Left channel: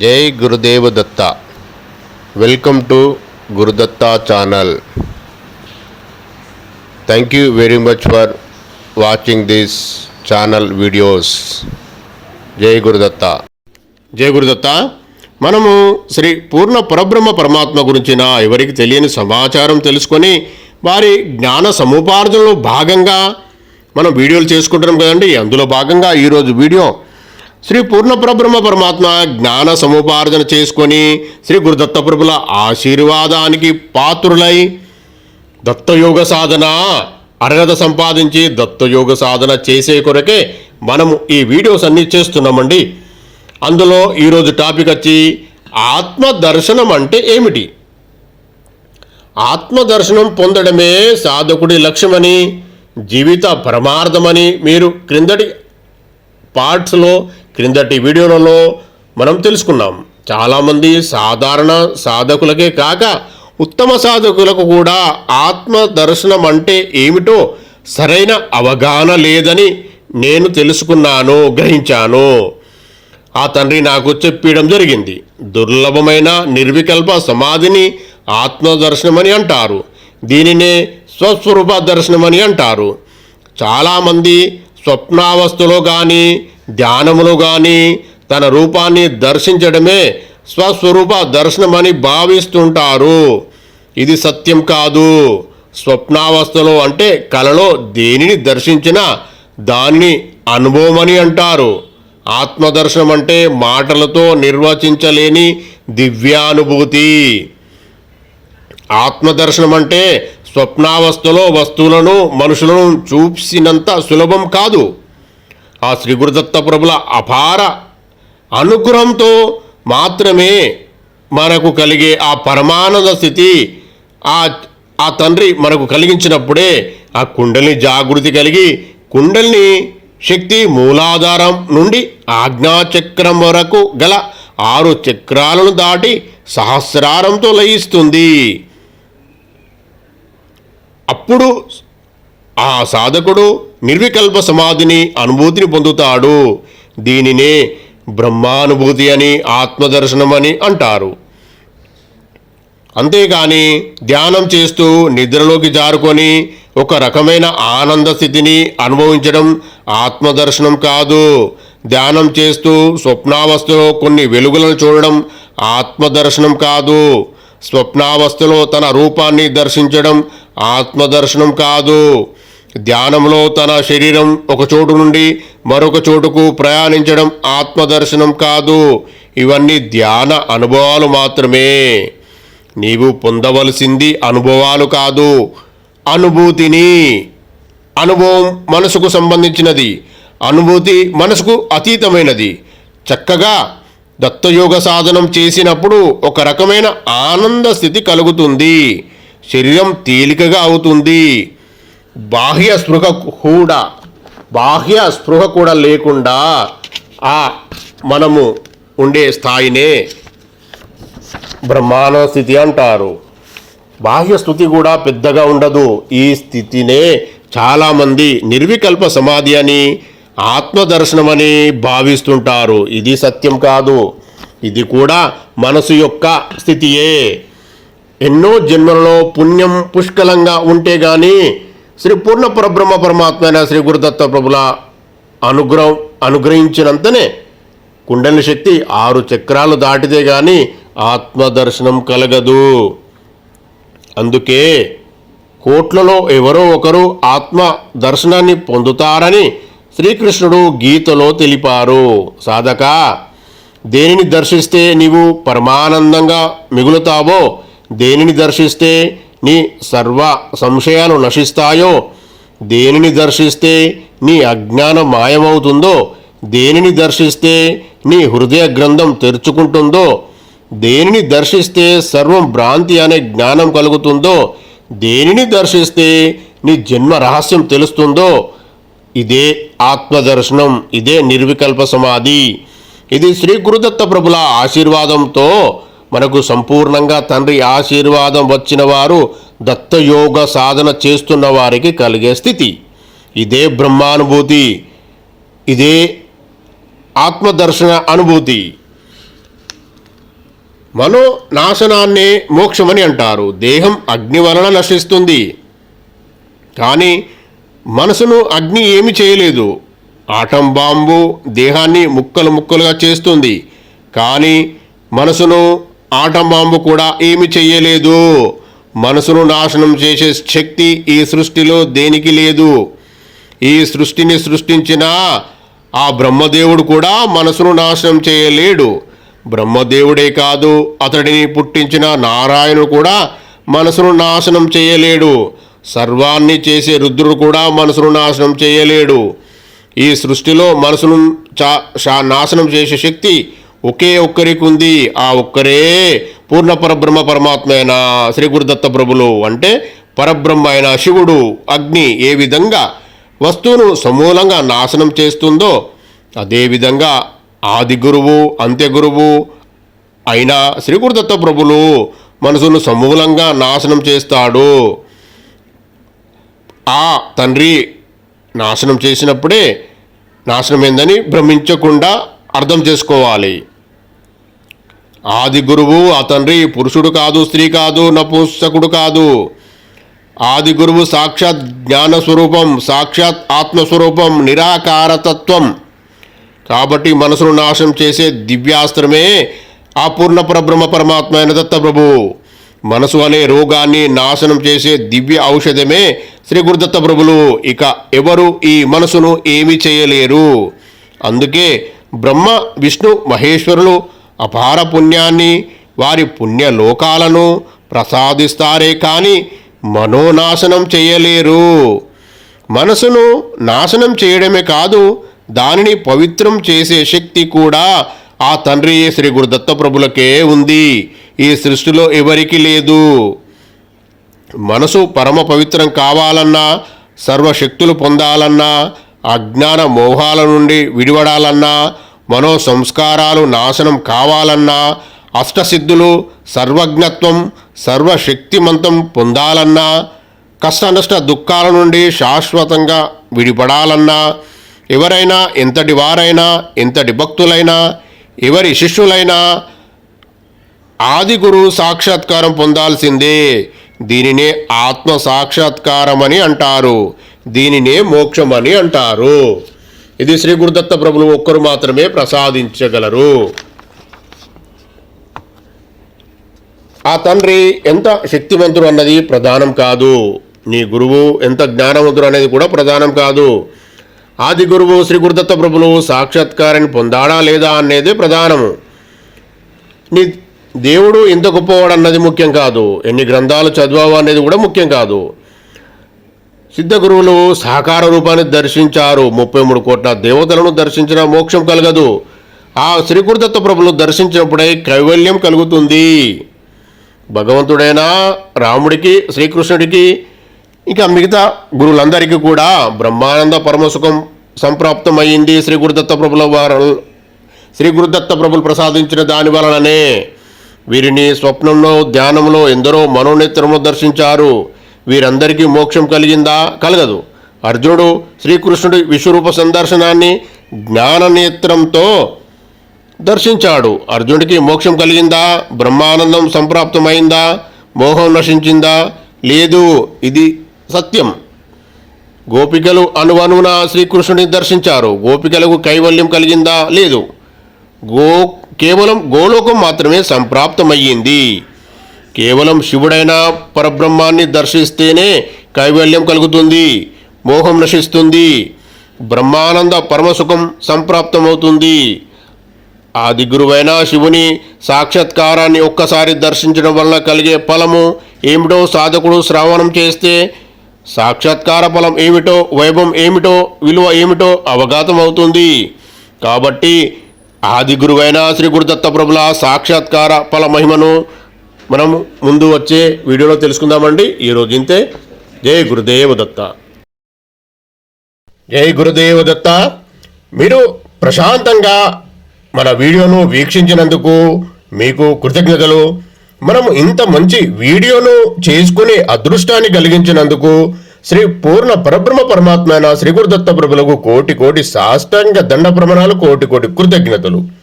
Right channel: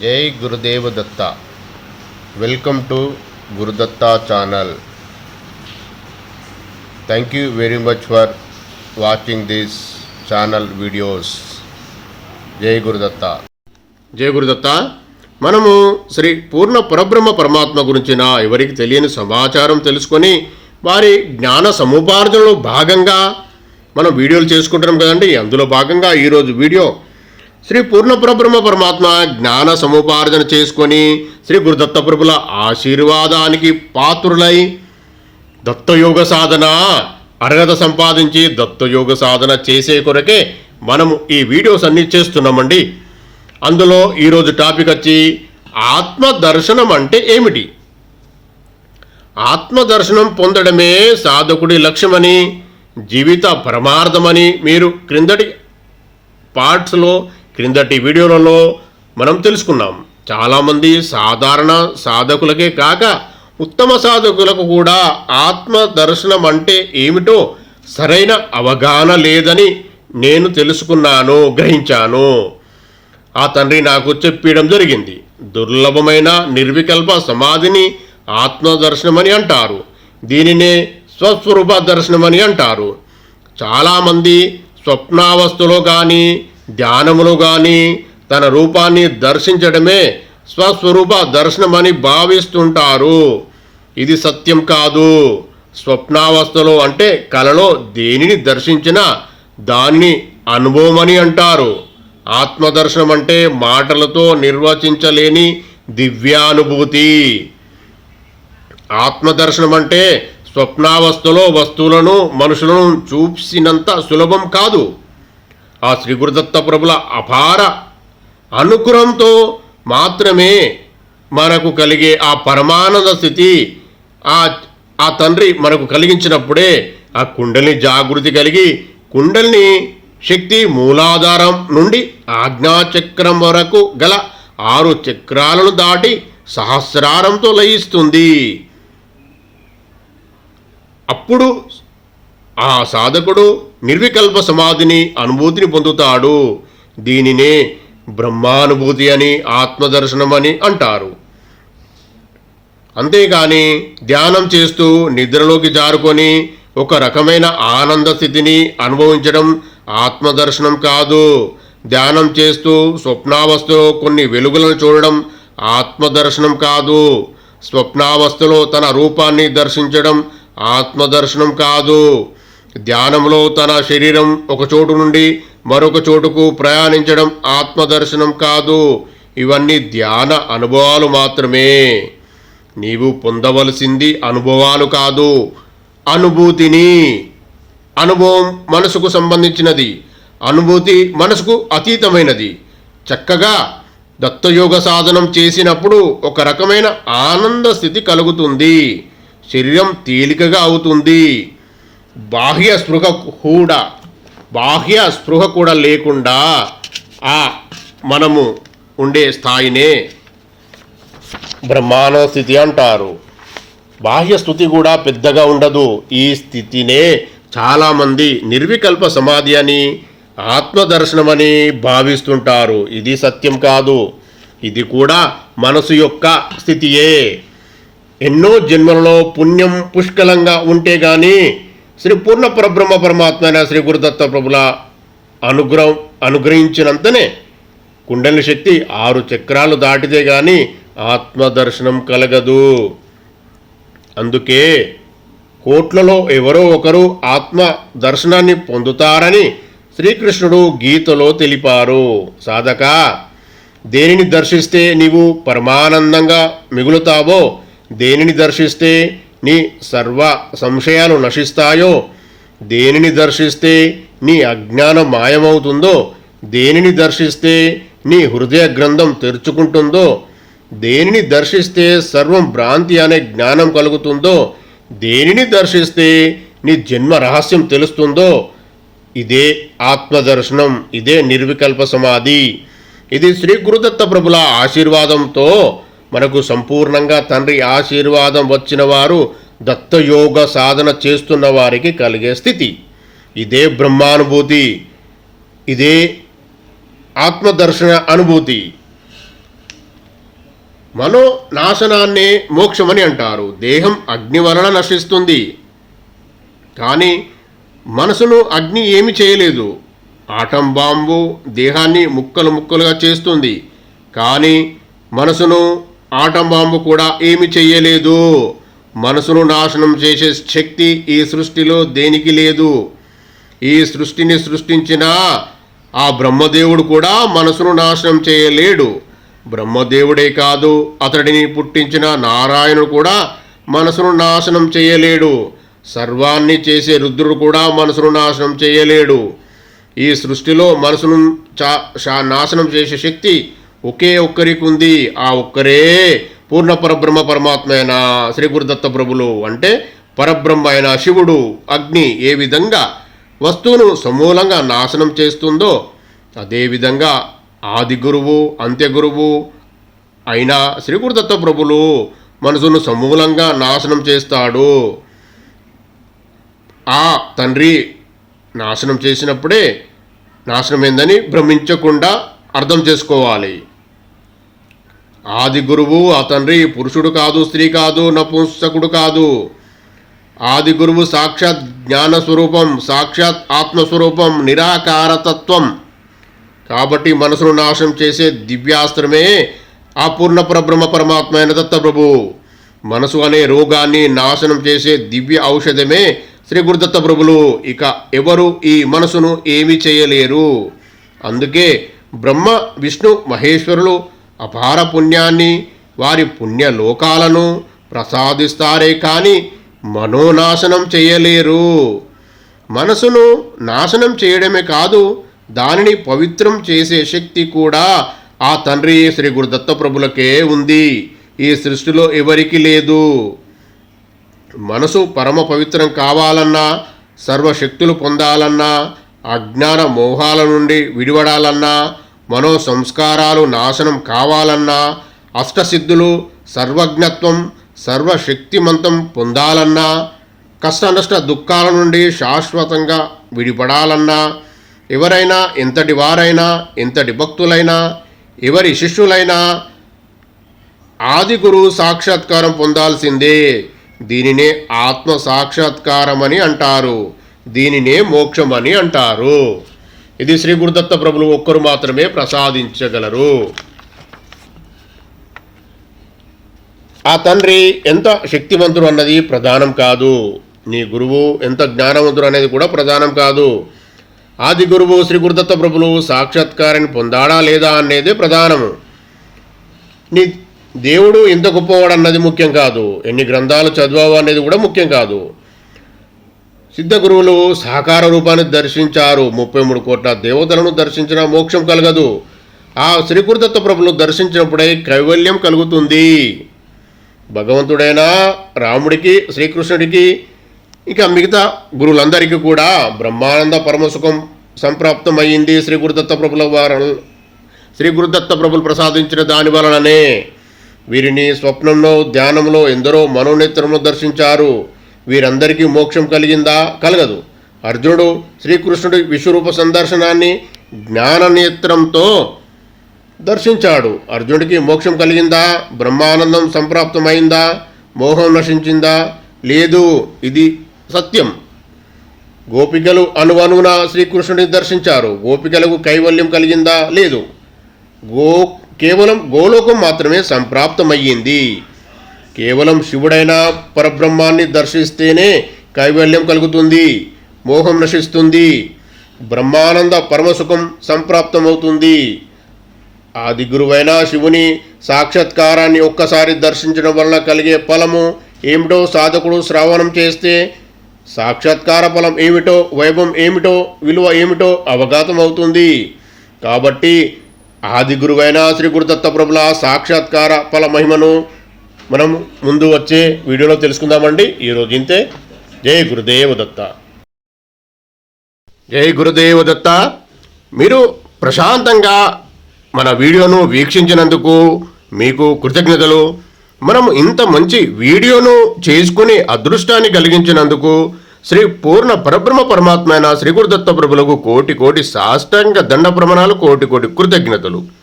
జై Gurudeva Datta welcome to Gurudatta channel thank you very much for watching this channel videos జై గురుదత్త జై గురుదత్త. మనము శ్రీ పూర్ణ పరబ్రహ్మ పరమాత్మ గురించిన ఎవరికి తెలియని సమాచారం తెలుసుకొని వారి జ్ఞాన సముపార్జనలో భాగంగా మనం వీడియోలు చేసుకుంటున్నాం కదండి. అందులో భాగంగా ఈరోజు వీడియో శ్రీ పూర్ణప్రబ్రహ్మ పరమాత్మ జ్ఞాన సముపార్జన చేసుకొని శ్రీ గురుదత్త ప్రభుల ఆశీర్వాదానికి పాత్రులై దత్తయోగ సాధన అర్హత సంపాదించి దత్తయోగ సాధన చేసే కొరకే మనము ఈ వీడియోస్ అన్నీ చేస్తున్నామండి. అందులో ఈరోజు టాపిక్ వచ్చి ఆత్మదర్శనం అంటే ఏమిటి? ఆత్మదర్శనం పొందడమే సాధకుడి లక్ష్యమని జీవిత పరమార్థమని మీరు క్రిందటి పార్ట్స్లో క్రిందటి వీడియోలలో మనం తెలుసుకున్నాం. చాలామంది సాధారణ సాధకులకే కాక ఉత్తమ సాధకులకు కూడా ఆత్మ దర్శనం అంటే ఏమిటో సరైన అవగాహన లేదని నేను తెలుసుకున్నాను గ్రహించాను. ఆ తండ్రి నాకు చెప్పడం జరిగింది. దుర్లభమైన నిర్వికల్ప సమాధిని ఆత్మదర్శనమని అంటారు. దీనినే స్వస్వరూప దర్శనమని అంటారు. చాలామంది స్వప్నావస్థలో కానీ ధ్యానములు కానీ తన రూపాన్ని దర్శించడమే స్వస్వరూప దర్శనమని భావిస్తుంటారు. ఇది సత్యం కాదు. స్వప్నావస్థలో అంటే కలలో దేనిని దర్శించినా దానిని అనుభవమని అంటారు. ఆత్మదర్శనం అంటే మాటలతో నిర్వచించలేని దివ్యానుభూతి. ఆత్మదర్శనం అంటే స్వప్నావస్థలో వస్తువులను మనుషులను చూసినంత సులభం కాదు. ఆ శ్రీ గురుదత్త ప్రభుల అపార అనుగ్రహంతో మాత్రమే మనకు కలిగే ఆ పరమానంద స్థితి ఆ ఆ తండ్రి మనకు కలిగించినప్పుడే ఆ కుండలిని జాగృతి కలిగి కుండలిని శక్తి మూలాధారం నుండి ఆజ్ఞాచక్రం వరకు గల ఆరు చక్రాలను దాటి సహస్రారంతో లయిస్తుంది. అప్పుడు ఆ సాధకుడు నిర్వికల్ప సమాధిని అనుభూతిని పొందుతాడు. దీనినే బ్రహ్మానుభూతి అని ఆత్మదర్శనం అని అంటారు. అంతేగాని ధ్యానం చేస్తూ నిద్రలోకి జారుకొని ఒక రకమైన ఆనంద స్థితిని అనుభవించడం ఆత్మదర్శనం కాదు. ధ్యానం చేస్తూ స్వప్నావస్థలో కొన్ని వెలుగులను చూడడం ఆత్మదర్శనం కాదు. స్వప్నావస్థలో తన రూపాన్ని దర్శించడం ఆత్మదర్శనం కాదు. ధ్యానంలో తన శరీరం ఒక చోటు నుండి మరొక చోటుకు ప్రయాణించడం ఆత్మదర్శనం కాదు. ఇవన్నీ ధ్యాన అనుభవాలు మాత్రమే. నీవు పొందవలసింది అనుభవాలు కాదు. అనుభూతిని. అనుభవం మనసుకు సంబంధించినది. అనుభూతి మనసుకు అతీతమైనది. చక్కగా దత్తయోగ సాధనం చేసినప్పుడు ఒక రకమైన ఆనంద స్థితి కలుగుతుంది. శరీరం తేలికగా అవుతుంది. బాహ్య స్పృహ కూడా బాహ్య స్పృహ కూడా లేకుండా ఆ మనము ఉండే స్థాయినే బ్రహ్మాండ స్థితి అంటారు. బాహ్య స్థుతి కూడా పెద్దగా ఉండదు. ఈ స్థితినే చాలామంది నిర్వికల్ప సమాధి అని ఆత్మదర్శనమని భావిస్తుంటారు. ఇది సత్యం కాదు. ఇది కూడా మనసు యొక్క స్థితియే. ఎన్నో జన్మలలో పుణ్యం పుష్కలంగా ఉంటే కానీ శ్రీ పూర్ణ పరబ్రహ్మ పరమాత్మ అయిన శ్రీ గురుదత్త ప్రభుల అనుగ్రహం అనుగ్రహించినంతనే కుండలి శక్తి ఆరు చక్రాలు దాటితే గాని ఆత్మదర్శనం కలగదు. అందుకే కోట్లలో ఎవరో ఒకరు ఆత్మ దర్శనాన్ని పొందుతారని శ్రీకృష్ణుడు గీతలో తెలిపారు. సాధక దేనిని దర్శిస్తే నీవు పరమానందంగా మిగులుతావో దేనిని దర్శిస్తే నీ సర్వ సంశయాలు నశిస్తాయో? దేనిని దర్శిస్తే నీ అజ్ఞానం మాయమవుతుందో? దేనిని దర్శిస్తే నీ హృదయ గ్రంథం తెరుచుకుంటుందో? దేనిని దర్శిస్తే సర్వం భ్రాంతి అనే జ్ఞానం కలుగుతుందో? దేనిని దర్శిస్తే నీ జన్మ రహస్యం తెలుస్తుందో? ఇదే ఆత్మదర్శనం ఇదే నిర్వికల్ప సమాధి. ఇది శ్రీ గురుదత్త ప్రభుల ఆశీర్వాదంతో మనకు సంపూర్ణంగా తండ్రి ఆశీర్వాదం వచ్చిన వారు దత్తయోగ సాధన చేస్తున్న వారికి కలిగే స్థితి. ఇదే బ్రహ్మానుభూతి ఇదే ఆత్మదర్శన అనుభూతి. మనో నాశనాన్నే మోక్షమని అంటారు. దేహం అగ్ని వలన నశిస్తుంది. కానీ మనసును అగ్ని ఏమి చేయలేదు. ఆటం బాంబు దేహాన్ని ముక్కలు ముక్కలుగా చేస్తుంది. కానీ మనసును ఆటం కూడా ఏమి చెయ్యలేదు. మనసును నాశనం చేసే శక్తి ఈ సృష్టిలో దేనికి లేదు? ఈ సృష్టిని సృష్టించిన ఆ బ్రహ్మదేవుడు కూడా మనసును నాశనం చేయలేడు. బ్రహ్మదేవుడే కాదు అతడిని పుట్టించిన నారాయణుడు కూడా మనసును నాశనం చేయలేడు. సర్వాన్ని చేసే రుద్రుడు కూడా మనసును నాశనం చేయలేడు. ఈ సృష్టిలో మనసును చా నాశనం చేసే శక్తి ఒకే ఒక్కరికి ఉంది. ఆ ఒక్కరే పూర్ణ పరబ్రహ్మ పరమాత్మ అయిన శ్రీ గురుదత్త ప్రభులు. అంటే పరబ్రహ్మ అయిన శివుడు అగ్ని ఏ విధంగా వస్తువును సమూలంగా నాశనం చేస్తుందో అదేవిధంగా ఆది గురువు అంత్య గురువు అయిన శ్రీ గురుదత్త ప్రభులు మనసును సమూలంగా నాశనం చేస్తాడు. ఆ తండ్రి నాశనం చేసినప్పుడే నాశనమైందని భ్రమించకుండా అర్థం చేసుకోవాలి. ఆది గురువు ఆ తండ్రి పురుషుడు కాదు స్త్రీ కాదు నపుంసకుడు కాదు. ఆది గురువు సాక్షాత్ జ్ఞాన స్వరూపం సాక్షాత్ ఆత్మస్వరూపం నిరాకారతత్వం కాబట్టి మనసును నాశనం చేసే దివ్యాస్త్రమే ఆ పూర్ణ పరబ్రహ్మ పరమాత్మ అయిన దత్తప్రభు. మనసు అనే రోగాన్ని నాశనం చేసే దివ్య ఔషధమే శ్రీ గురుదత్త ప్రభులు ఇక ఎవరు ఈ మనసును ఏమీ చేయలేరు. అందుకే బ్రహ్మ విష్ణు మహేశ్వరులు అపార పుణ్యాన్ని వారి పుణ్యలోకాలను ప్రసాదిస్తారే కానీ మనోనాశనం చేయలేరు. మనసును నాశనం చేయడమే కాదు దానిని పవిత్రం చేసే శక్తి కూడా ఆ తండ్రి శ్రీ గురుదత్త ప్రభులకే ఉంది. ఈ సృష్టిలో ఎవరికి లేదు. మనసు పరమ పవిత్రం కావాలన్నా సర్వశక్తులు పొందాలన్నా అజ్ఞాన మోహాల నుండి విడివడాలన్నా మనో సంస్కారాలు నాశనం కావాలన్నా అష్టసిద్ధులు సర్వజ్ఞత్వం సర్వశక్తిమంతం పొందాలన్నా కష్ట నష్ట దుఃఖాల నుండి శాశ్వతంగా విడిపడాలన్నా ఎవరైనా ఎంతటి వారైనా ఎంతటి భక్తులైనా ఎవరి శిష్యులైనా ఆది గురువు సాక్షాత్కారం పొందాల్సిందే. దీనినే ఆత్మ సాక్షాత్కారం అని అంటారు. దీనినే మోక్షం అని అంటారు. ఇది శ్రీ గురుదత్త ప్రభులు ఒక్కరు మాత్రమే ప్రసాదించగలరు. ఆ తండ్రి ఎంత శక్తివంతుడు అన్నది ప్రధానం కాదు. నీ గురువు ఎంత జ్ఞానవంతుడు అనేది కూడా ప్రధానం కాదు. ఆది గురువు శ్రీ గురుదత్త ప్రభులు సాక్షాత్కారాన్ని పొందాడా లేదా అనేది ప్రధానము. నీ దేవుడు ఎంత గొప్పవాడు అన్నది ముఖ్యం కాదు. ఎన్ని గ్రంథాలు చదివావు అనేది కూడా ముఖ్యం కాదు. సిద్ధ గురువులు సాకార రూపాన్ని దర్శించారు. ముప్పై మూడు కోట్ల దేవతలను దర్శించిన మోక్షం కలగదు. ఆ శ్రీకృతత్వ గురుదత్త ప్రభులు దర్శించినప్పుడే కైవల్యం కలుగుతుంది. భగవంతుడైన రాముడికి శ్రీకృష్ణుడికి ఇంకా మిగతా గురువులందరికీ కూడా బ్రహ్మానంద పరమసుఖం సంప్రాప్తమైంది శ్రీ గురుదత్త ప్రభుల వారు. శ్రీ గురుదత్త ప్రభులు ప్రసాదించిన దాని వలననే వీరిని స్వప్నంలో ధ్యానంలో ఎందరో మనోనేత్రంలో దర్శించారు. వీరందరికీ మోక్షం కలిగిందా? కలగదు. అర్జునుడు శ్రీకృష్ణుడి విశ్వరూప సందర్శనాన్ని జ్ఞాననేత్రంతో దర్శించాడు. అర్జునుడికి మోక్షం కలిగిందా? బ్రహ్మానందం సంప్రాప్తమైందా? మోహం నశించిందా? లేదు ఇది సత్యం. గోపికలు అనువనున శ్రీకృష్ణుడిని దర్శించారు. గోపికలకు కైవల్యం కలిగిందా? లేదు. గో కేవలం గోలోకం మాత్రమే సంప్రాప్తమయ్యింది. కేవలం శివుడైన పరబ్రహ్మాన్ని దర్శిస్తేనే కైవల్యం కలుగుతుంది మోహం నశిస్తుంది బ్రహ్మానంద పరమసుఖం సంప్రాప్తమవుతుంది. ఆది గురువైన శివుని సాక్షాత్కారాన్ని ఒక్కసారి దర్శించడం వలన కలిగే ఫలము ఏమిటో సాధకుడు శ్రవణం చేస్తే సాక్షాత్కార ఫలం ఏమిటో వైభవం ఏమిటో విలువ ఏమిటో అవగాతం అవుతుంది కాబట్టి ఆది గురువైన శ్రీ గురుదత్త ప్రభుల సాక్షాత్కార ఫల మహిమను మనం ముందు వచ్చే వీడియోలో తెలుసుకుందామండి. ఈరోజు ఇంతే. జై గురుదేవ దత్త. జై గురుదేవ దత్త. మీరు ప్రశాంతంగా మన వీడియోను వీక్షించినందుకు మీకు కృతజ్ఞతలు. మనం ఇంత మంచి వీడియోను చేసుకునే అదృష్టాన్ని కలిగించినందుకు శ్రీ పూర్ణ పరబ్రహ్మ పరమాత్మైన శ్రీ గురుదత్త ప్రభులకు కోటి కోటి సాష్టాంగ దండ ప్రమాణాలు కోటి కోటి కృతజ్ఞతలు.